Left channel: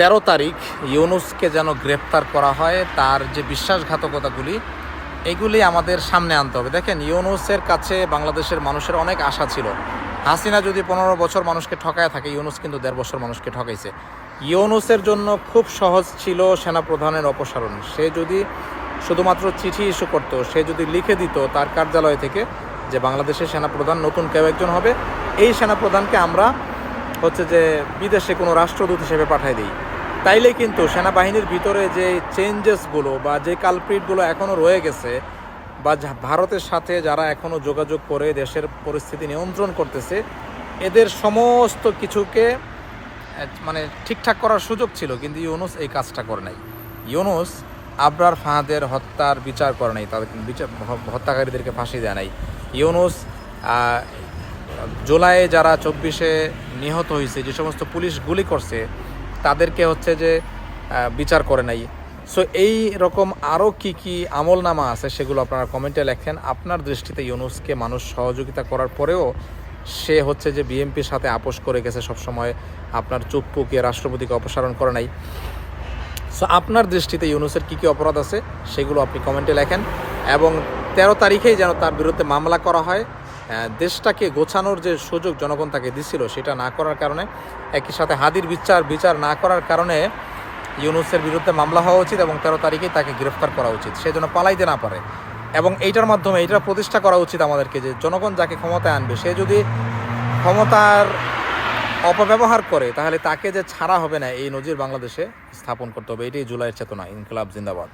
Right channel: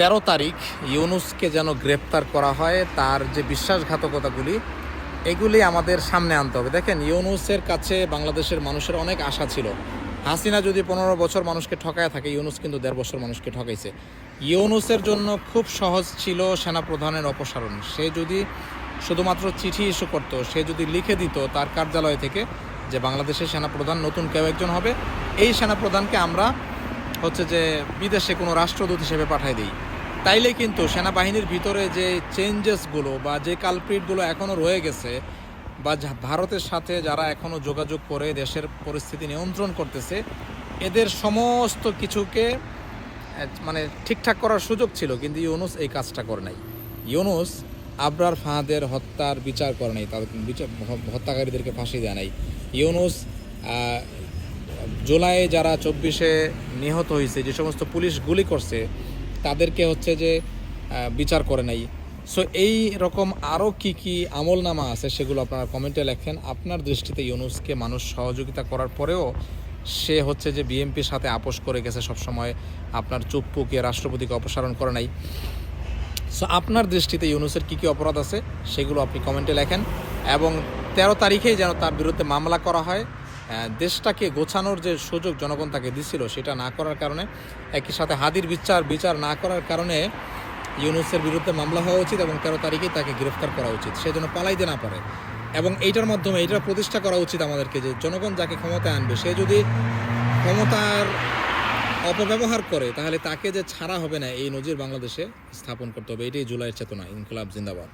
13 তারিখ ইউনূসকে যেন গ্রেপ্তার করা হয়, তার যে বিশ্বাসঘাতকতাগুলি এগুলি আমাদের সামনে আনতে হবে। দেখেন, ইউনূসের কাছে বাংলাদেশের মানুষের অনেক আশা ছিল। হাসিনা যদি 15 বছর মানুষকে ঠকায় থাকে, ইউনূস কিন্তু 1.5 বছর মানুষকে ঠকাইছে। ইউনূসের জন্য খুব সহজ ছিল সেনাপ্রধানের অপসারণ। সে যদি শুধুমাত্র চিঠি ইস্যু করতো, সে যদি লিখে দিত তার কার্যালয় থেকে যে বাংলাদেশের সেনাপ্রধান নতুন কেউ একজন হবে, এই সেনাপ্রধানকে আমরা যে বিদেশে কোনো রাষ্ট্রদূত হিসেবে পাঠিয়ে দিই, তাইলে কিন্তু সেনাবাহিনীর ভিতরে যে চেঞ্জেসগুলো বা যে কালপ্রিটগুলো এখনও রয়ে গেছে, বা ভারতের সাথে যারা এখনও যোগাযোগ করে দেশের পরিস্থিতি নিয়ন্ত্রণ করতেছে, এদের সমস্ত কিছুকে ঠিকঠাক করার সুযোগ ছিল। কিন্তু ইউনূস এই কাজটা করে নাই। ইউনূস আবরার ফাহাদের হত্যার বিচার করে নাই, তাদের হত্যাকারীদেরকে ফাঁসি দেয় নাই। ইউনূস জুলাইয়ে যারা 24-এ নিহত হয়েছে, যে সমস্ত পুলিশ গুলি করছে, তাদেরকে যে বিচার করে নাই। সো এই রকম আরও কি আমলনামা আছে, সেগুলো আপনারা কমেন্টে লেখেন। আপনার দৃষ্টিতে ইউনূসকে মানুষ সহযোগিতা করার পরেও সে যে বিএনপির সাথে আপোষ করে গেছে, সবসময় আপনার চুপ পুকিয়ে রাষ্ট্রপতিকে অপসারণ করে নাই। সো আপনার দৃষ্টিতে ইউনূসের কী অপরাধ আছে সেগুলো আপনি কমেন্টে লেখেন, এবং 13 তারিখেই যেন তার বিরুদ্ধে মামলা করা হয়। দেশটাকে গোছানোর যে সুযোগ জনগণ তাকে দিছিল, সেটা না করার কারণে, একই সাথে হাদির বিচার না করার কারণে ইউনূসের বিরুদ্ধে মামলা হওয়া উচিত, এবং 13 তারিখেই তাকে গ্রেফতার করা উচিত, সে যেন পালাইতে না পারে। এবং এইটার মাধ্যমে এইটার প্রতিষ্ঠা করা উচিত আমাদেরকে, যে জনগণ যাকে ক্ষমতায় আনবে, সে যদি ক্ষমতার অপব্যবহার করে, তাহলে তাকে যে ছাড়া হবে না, এই নজির বাংলাদেশে স্থাপন করতে হবে। এটাই জুলাইয়ের চেতনা। ইনকিলাব জিন্দাবাদ।